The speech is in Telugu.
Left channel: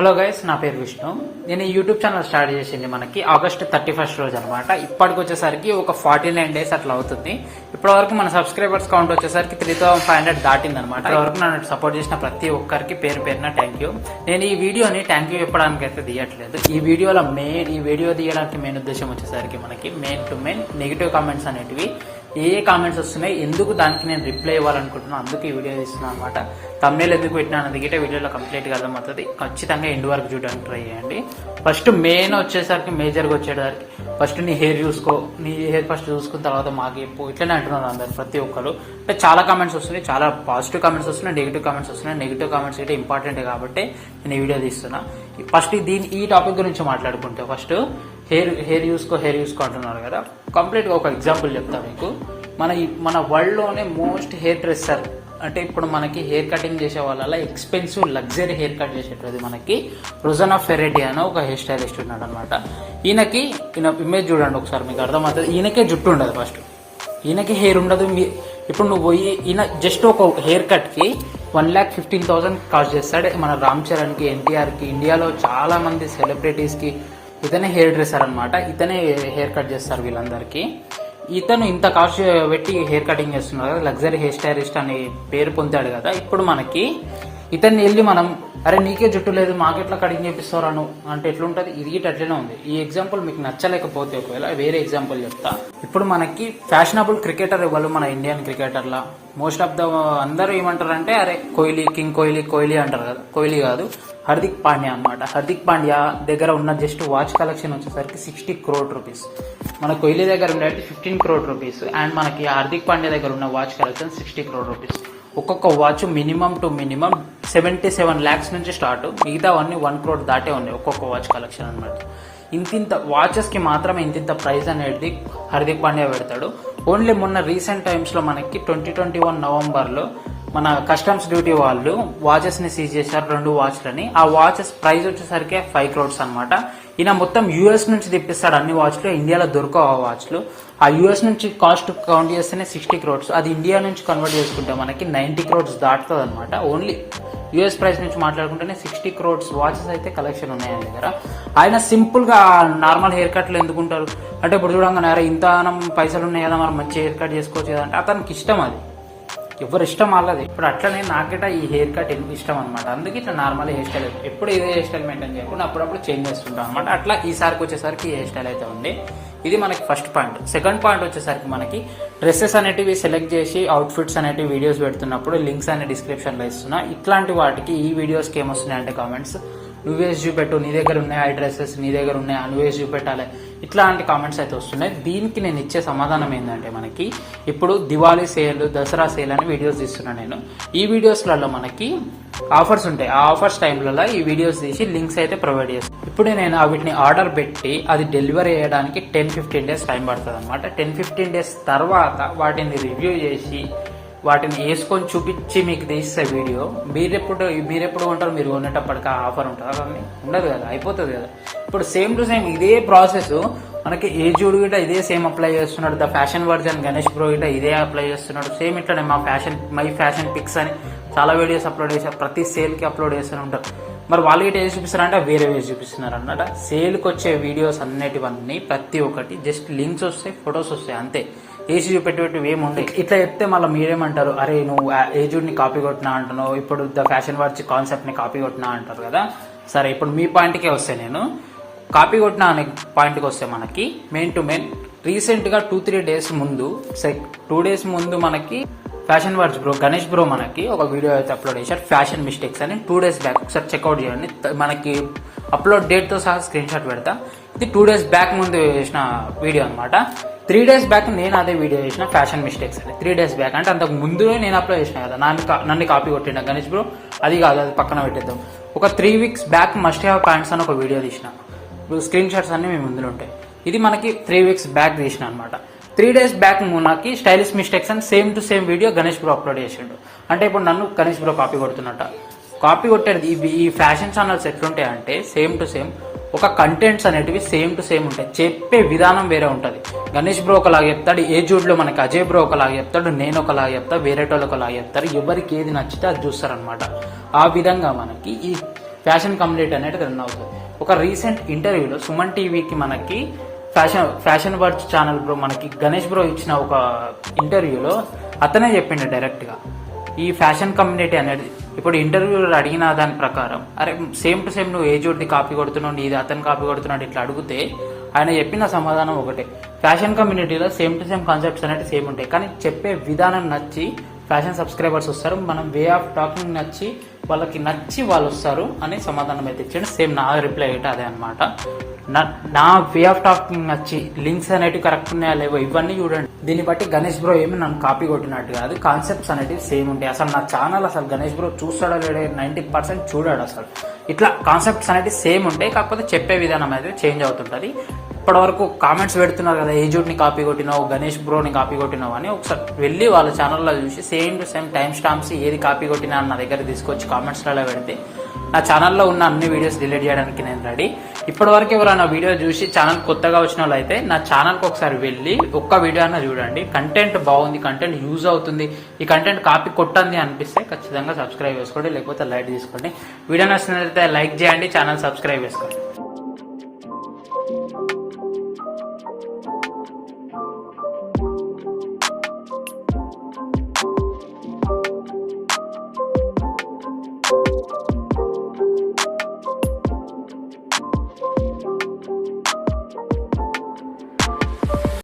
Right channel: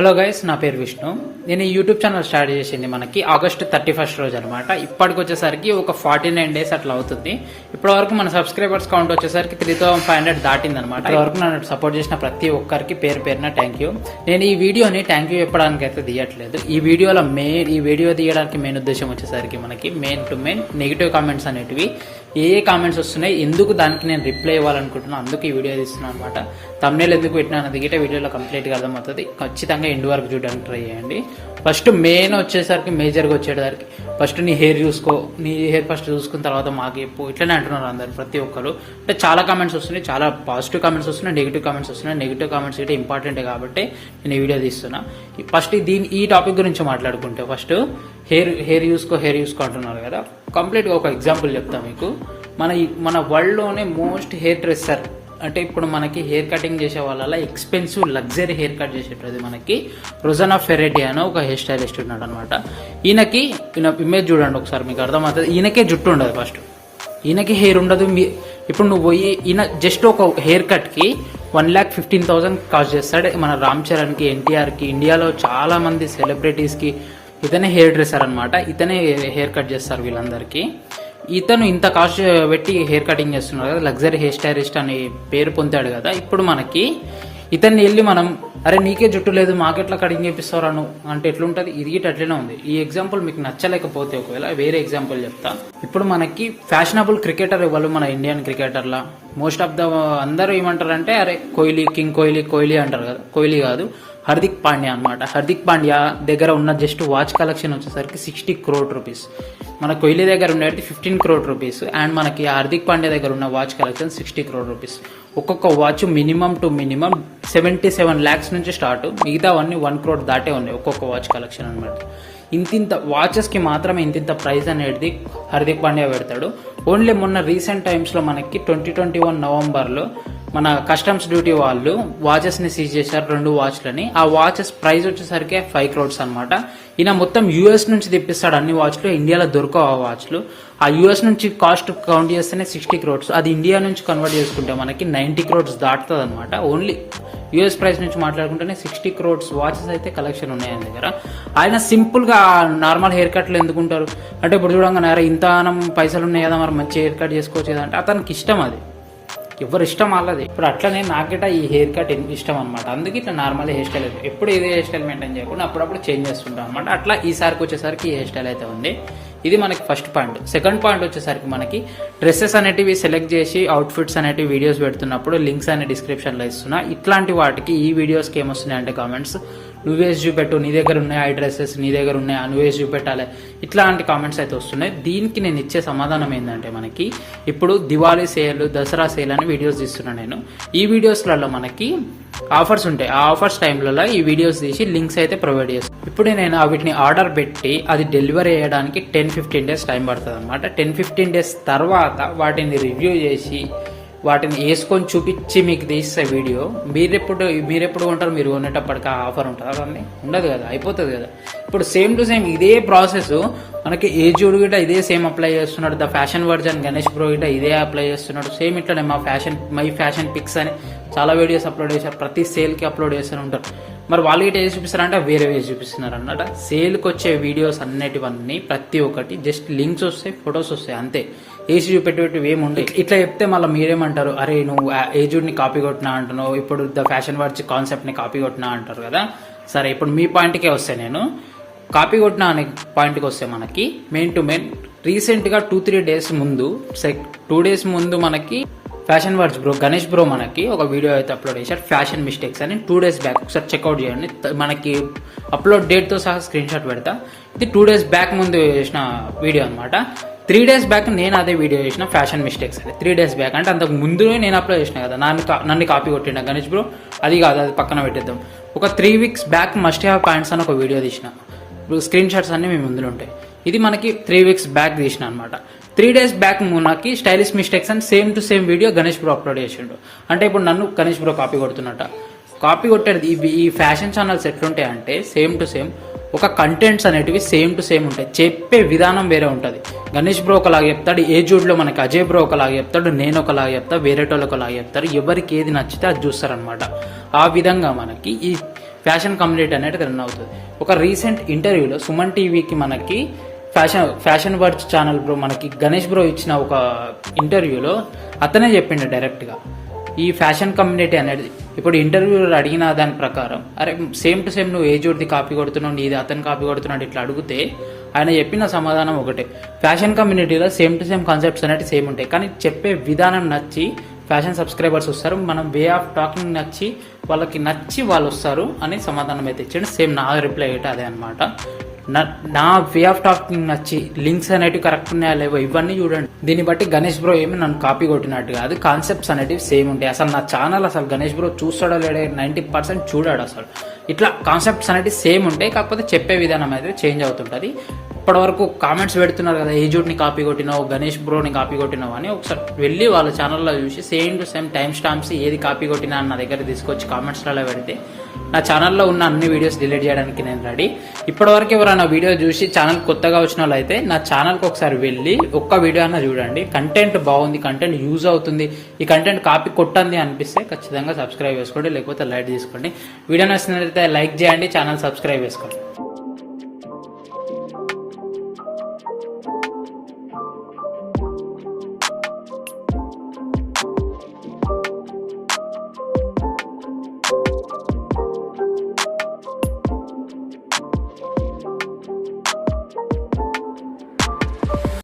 హలో గైస్, నా పేరు విష్ణు. నేను ఈ యూట్యూబ్ ఛానల్ స్టార్ట్ చేసింది మనకి ఆగస్ట్ 31 రోజు అనమాట. ఇప్పటికి వచ్చేసరికి ఒక 49 days అట్లా అవుతుంది. ఇప్పటి వరకు మన సబ్స్క్రైబర్స్ కౌంట్ వచ్చేసరికి 3500 దాటింది అనమాట. ఇప్పటి వరకు నన్ను సపోర్ట్ చేసిన ప్రతి ఒక్కరికి పేరు పేరున థ్యాంక్ యూ. నేను ఈ వీడియోని థ్యాంక్ యూ చెప్పడానికి అయితే తీయట్లేదు. ఈ వీడియో తీయడానికి మెయిన్ ఉద్దేశం వచ్చేసరికి మనకి mean to main negative comments అనేటివి ఏ కామెంట్స్ వస్తున్నాయి, ఎందుకు దానికి నేను రిప్లై ఇవ్వాలనుకుంటున్నాను, అందుకు ఈ వీడియో తీస్తున్నాను అనమాట. తమ్నేల్ ఎందుకు పెట్టినా అన్నది గిట్టే వీడియోలో కంప్లీట్గా అర్థమవుతుంది. ఖచ్చితంగా ఎండ్ వరకు చూడడానికి ట్రై చేయండి. ఫస్ట్ మెయిన్ వచ్చేసరికి మేజర్గా వచ్చేసరికి ఫస్ట్ నీ హెయిర్ చూసుకో, నీ హెయిర్ ఫస్ట్ చూసుకున్న తర్వాత మాకు చెప్పు, ఇట్లనే అంటున్నారు అందరు ప్రతి ఒక్కరు. అంటే చాలా కామెంట్స్ వస్తున్నాయి, చాలా పాజిటివ్ కామెంట్స్ వస్తున్నాయి, నెగిటివ్ కామెంట్స్ వస్తున్నాయి. నెగిటివ్ కామెంట్స్ అయితే ఇంపార్టెంట్ కాబట్టి నేను ఈ వీడియో తీస్తున్నా. ఫస్ట్ ఈ టాపిక్ గురించి మాట్లాడుకుంటే ఫస్ట్ హెయిర్ చూసుకో అంటున్నారు కదా. కంప్లీట్గా ఒక ఎగ్జాంపుల్ చెప్తాను మీకు. మన వరల్డ్లోనే మోస్ట్ హెయిర్ డ్రెస్సర్ అంటే ఇప్పుడు మనకి హెయిర్ కటింగ్ చేసే వాళ్ళ ఎక్స్పెన్సివ్ లగ్జరీ హెయిర్ కట్ చేసేది మనకి రోజానా ఫెరెటీ అని ఒక హెయిర్ స్టైలిస్ట్ ఉన్నాడు అనమాట. ఈయన ఇమేజ్ చూడండి ఒకసారి, మీకు అర్థమవుతుంది. ఈయనకే జుట్టు ఉండదు, ఫస్ట్ ఈయనకి హెయిర్ ఉండదు. ఇప్పుడు నువ్వు పోయి ఈయన జస్ట్ ఒక హెయిర్ కట్ కి 1,15,000 కాస్ట్ చేస్తాడు. మన రామ్ చరణ్ కి, ఎన్టీఆర్ కి, ఇండియాలో చాలా మంది సెలబ్రిటీస్ కి ఇతనే హెయిర్ డ్రెస్సర్ అనమాట. ఇతనే హెయిర్ కట్ చేస్తారు వీళ్ళందరికీ. ఇతను ఇంత కాస్ట్ పెట్టి హెయిర్ కటింగ్ చేస్తున్నారు కదా, లగ్జరీ హెయిర్ స్టైలిస్ట్ అని పేరు పొందాడు కదా. ఇప్పుడు మనకి ఇతన్ని వెళ్ళి మనం అరే నీకే జుట్టు లేదు మాకెట్లా కటింగ్ చేపిస్తారు అంటే ఎట్లుంటది? ఇది అట్లనే ఉంది. ఈ ఎగ్జాంపుల్ మీకు నచ్చలేకపోతే ఒకవేళ వేరే ఎగ్జాంపుల్ చెప్తా. ఇప్పుడు మనకి ఫ్యాషనబుల్ క్రికెటర్ ఇవ్వాలి మన ఇండియన్ క్రికెటర్లా. మోస్ట్ ఆఫ్ ద అందరూ ఏమంటారంటే అరే కింగ్ కోహ్లీ అంటారు కదా. కోహ్లీ కాదు, హార్దిక్ పాండ్యా అనమాట. హార్దిక్ పాండ్యా దగ్గర ఉన్న జస్ట్ వాచ్ కలెక్షన్ వచ్చేసరికి 60 crore rupees. మన కోహ్లీ దగ్గర ఉండేది 15 crore rupees. అండ్ మనకి హార్దిక్ పాండ్యా దగ్గర ఉన్న వాచ్ కలెక్షన్ 60 crore rupees. ఒక్కొక్క watch minimum to minimum 77 lakhs నుంచి స్టార్ట్. మిగతావన్నీ 1 crore దాటే ఉన్నాయి ఒక్కొక్క వాచ్ కలెక్షన్ అనమాట. ఇంతింత వాచెస్ కి మాత్రమే ఇంతింత ప్రైస్ అనేది హార్దిక్ పాండ్యా పెడతాడు. ఓన్లీ మొన్న రీసెంట్ టైమ్స్ లో మనకి 2021 నవంబర్లో మన కస్టమ్స్ డ్యూటీ వాళ్ళు వాచెస్ ని సీజ్ చేశారు, 2 వాచ్లని. ఆ వాచెస్ ప్రైస్ వచ్చేసరికి 5 crores అనమాట. ఈయన మొత్తం యూఎస్ నుంచి తెప్పిస్తాడు అన్ని వాచ్లు, ఇండియాలో దొరకవు ఆ వాచ్లు. ఆ యూఎస్ నుంచి కాస్ట్ కౌంట్ చేస్తేనే 60 crores. అది ఇండియా నుంచి కన్వర్ట్ చేసుకుంటే మనకి 90 crores దాటుతుంది అనమాట. ఓన్లీ యూఎస్ ప్రైస్ నుంచి మాట్లాడుకుంటేనే 60 crores వాచెస్ అయితే కలెక్షన్ ఉన్నాయి ఆయన దగ్గర. ఆయన సింపుల్ గా నార్మల్ హెయిర్ కట్లు ఎందుకుంటారు అంటే ఇప్పుడు చూడంగానే ఇంత పైసలు ఉన్నాయి కదా మరి మంచి హెయిర్ కట్ చేసుకోవచ్చు కదా అంటే అతనికి ఇష్టం, అది ఎవరు ఇష్టం వాళ్ళది. ఇప్పుడు అట్లనే నాకెట ఈ హెయిర్ కట్ ఇష్టం అనమాట. అందుకే ఇట్లా నార్మల్ హెయిర్ స్టైల్ ఎప్పుడు ఇదే హెయిర్ స్టైల్ మెయింటైన్ చేయకుండా అప్పుడప్పుడు చేంజ్ చేస్తుంటాం అనమాట. అట్లా ఈసారికి వచ్చేసరికి ఈ హెయిర్ స్టైల్ అయితే ఉంది. ఇది మనకి ఫస్ట్ పాయింట్. సెకండ్ పాయింట్ వచ్చేసరికి మనకి డ్రెస్సెస్ అనేటివి సెలెక్ట్ చేసి అవుట్ఫిట్స్ అనేటివి వీడియోస్ పెడుతున్నప్పుడు లింక్స్ అనే డిస్క్రిప్షన్ లో ఇస్తున్నా. ఇట్లాంటి వాటికి ఈ వీడియోస్కి ఏమొస్తున్నాయి అంటే కామెంట్స్, నువ్వేసి చూపెట్టు, నీ దగ్గర ఉన్నాయి ఐ డ్రెస్సెస్, నీ దగ్గర ఉన్నాయి నువ్వేసి చూపెట్టాలి, ఇట్లాంటి కామెంట్స్ అయితే వస్తున్నాయి. దీనికి నేను ఇచ్చే సమాధానం ఏంటంటే మనకి ఇప్పుడు దివాళీ సేల్, దసరా సేల్ అని వీడియోస్ తీస్తున్నాను నేను. ఈ వీడియోస్లలో మనకి ఆఫర్స్ ఉంటాయి. ఆ ఆఫర్స్ టైంలలో ఈ వీడియోస్ తీసి లింక్స్ అయితే ప్రొవైడ్ చేస్తాను. ఇప్పుడు నేను వీటిని ఆర్డర్ పెట్టి అది డెలివరీ చేయడానికి 10-15 days టైం పడుతుంది అనమాట. 10-15 days తర్వాత వాటిని రివ్యూ చేసి వాటిని వేసుకొని చూపించి మీకు తీస్తే వీడియో మీరెప్పుడు ఉంటారు, మీరు కొనేటప్పటికి ఆఫర్ ఉంటుందా? అవన్నీ ఉండదు కదా, అయిపోతుంది కదా. ఇప్పుడు సేమ్ టు సేమ్ ఇదే ప్రాసెస్ మనకి ఏజుడ్ గిట్ట ఇదే సేమ్ అప్లై చేస్తున్నాడు. The fashion version Ganesh bro గిట్ట ఇదే అప్లై చేస్తున్నాడు. సేమ్ ఇట్లానే మై ఫ్యాషన్ పిక్స్ అని చాలా వీడియోస్ అప్లోడ్ చేశారు. ప్రతి సేల్కి అప్లోడ్ చేస్తూనే ఉంటారు. మరి వాళ్ళు గిట్ట ఏది చూపిస్తారంటే వేరే వేసి చూపిస్తున్నారు అన్నమాట. సేల్కి వచ్చే వీడియోస్ అన్నిటివన్నీ ప్రతి ఒక్కటి జస్ట్ లింక్స్ వస్తాయి, ఫొటోస్ వస్తాయి, అంతే. ఏసీ చూపెట్టేటివి ఏముండే. ఇట్లా చెప్తే మళ్ళీ మీరేమంటారు, అరే నువ్వు ఏజుడ్ ని కాపీ కొట్టినా అంటున్నావు, ఇప్పుడు ద ఫ్యాషన్ వర్చ్ కాన్సెప్ట్ ని కాపీ కొట్టినా అంటారు కదా. సరే, ఇప్పుడు మీ పాయింట్కే వస్తే నేను కాపీ కొట్టిన అనే పాయింట్కి వస్తే మనకి మెయిన్ టు మెయిన్ రీసెంట్ గా 2-3 days ముందు 2 days ముందు మనకి fashion words bro Ganesh bro మనకి ఒక వీడియో అయితే అప్లోడ్ చేశారు, ఫ్యాషన్ మిస్టేక్స్ అని. 2 days బ్యాక్ ఒకసారి చెక్అవుట్ చేయండి. మనకి అప్లోడ్ డేట్ తో సహా స్క్రీన్ షాట్ పెడతా. ఇది 2 days బ్యాక్ ముందు చేసిన వీడియో అనమాట. 3 days బ్యాక్ నేను అదే వీడియో చేసిన ఫ్యాషన్ మిస్టేక్స్ అని. 3 days బ్యాక్ అంటే అంతకు ముందు నేను అప్లోడ్ చేసిన కదా. నన్ను కాపీ కొట్టిన గణేష్ బ్రో, అది కాదు, అది పక్కన పెట్టేద్దాం. ఒక 3 weeks back must have pants అని ఒక వీడియో తీసిన. స్క్రీన్ షాట్స్ అన్ని మీ ముందులో ఉంటాయి. ఇది మనకి 3 weeks బ్యాక్ తీసిన అనమాట. 3 days బ్యాక్ మనకి స్టైలిష్ మిస్టేక్స్ అని same to same video Ganesh bro upload చేసిండు. అంటే ఇప్పుడు నన్ను గణేష్ బ్రో కాపీ కొడుతున్నట్ట. కాపీ కొట్టేది ఈ ఫ్యాషన్ ఛానల్స్ ఎట్లుంటాయి అంటే సేమ్ టు సేమ్ ఒక కంటెంట్స్ అనేటివి సేమ్ టు సేమ్ ఉంటాయి, చెప్పే విధానం వేరే ఉంటుంది. గణేష్ బ్రో ఒకలాగా చెప్తాడు, ఏజుడ్ లో మనకి అజయ్ బ్రో ఒకలాగా చెప్తాడు, నేను ఒకలాగా చెప్తా, వేరేటోళ్ళు ఒకలాగా చెప్తారు. ఎవరికి ఏది నచ్చితే అది చూస్తారనమాట. ఆ విధంగా మనకి ఈ ఫ్యాషన్ కమ్యూనిటీ అనేది రన్ అవుతుంది. ఒక రీసెంట్ ఇంటర్వ్యూలో సుమన్ టీవీకి మనకి ఫ్యాషన్ వర్డ్స్ ఛానల్ బ్రో మనకి గణేష్ బ్రో ఇచ్చిన ఒక ఇంటర్వ్యూలో అతనే చెప్పిండు డైరెక్ట్ గా ఈ ఫ్యాషన్ కమ్యూనిటీ అనేది. ఇప్పుడు ఇంటర్వ్యూలో అడిగిన దాని ప్రకారం అరే సేమ్ టు సేమ్ నువ్వు ఏ జోడిది కాపీ కొడుతున్నావు, ఇది అతను కాపీ కొడుతున్నాడు ఇట్లా అడిగితే ఆయన చెప్పిన సమాధానం ఒకటే, ఫ్యాషన్ కమ్యూనిటీలో సేమ్ టు సేమ్ కాన్సెప్ట్స్ అనేవి సేమ్ ఉంటాయి, కానీ చెప్పే విధానం నచ్చి ఫ్యాషన్ సబ్స్క్రైబర్స్ వస్తారు, మనం వే ఆఫ్ టాకింగ్ నచ్చి వాళ్ళకి నచ్చి వాళ్ళు వస్తారు అని సమాధానం అయితే ఇచ్చాడు. సేమ్ నా రిప్లై అయితే అదే అనమాట. నా వే ఆఫ్ టాకింగ్ నచ్చి లింక్స్ అనేటివి కరెక్ట్ ఉన్నాయా లేవో ఇవన్నీ చూడండి. దీన్ని బట్టి గణేష్ బ్రో ఏమి నన్ను కాపీ కొట్టినట్టు కాదు, కాన్సెప్ట్స్ అనేటివి సేమ్ ఉంటాయి. అసలు నా ఛానల్ అసలు గణేష్ బ్రో చూస్తాడో లేడో 90% చూడాడు. అసలు ఇట్లా కాన్సెప్ట్స్ అనేటివి సేమ్ ఉంటాయి, కాకపోతే చెప్పే విధానం అయితే చేంజ్ అవుతుంటది. ఇప్పటి వరకు కామెంట్స్ పెడుతున్నారు కదా, ఏ జూట్ని కాపీ కొట్టినావు, గణేష్ బ్రోని కాపీ కొట్టినావు అని ఒకసారి వెళ్ళి వాళ్ళ ఛానల్లో చూసి same to same time stamps ఏది కాపీ కొట్టినా నా దగ్గర తీసుకొచ్చి కామెంట్స్లలో పెడితే నా ఛానల్లో ఉన్న అన్ని వీడియోస్ డిలీట్ చేయడానికి నేను రెడీ. ఇప్పటి వరకు ఎవరైనా వీడియో చూసి ఛానల్ కొత్తగా వచ్చిన వాళ్ళు అయితే నా ఛానల్కి ఒకసారి వెళ్ళి ఒక్క వీడియో అన్న చూడండి. కంటెంట్ బాగుంది, కంటెంట్ యూజ్ అవుతుంది, ఈ కంటెంట్ కాపీ కొట్టండి అనిపిస్తే ఖచ్చితంగా సబ్స్క్రైబ్ చేసుకోండి, లేకపోతే లైక్ తీసుకోండి. వీడియో నచ్చినట్లయితే లైక్ చేయండి, ఛానల్ సబ్స్క్రైబ్ చేసుకోండి.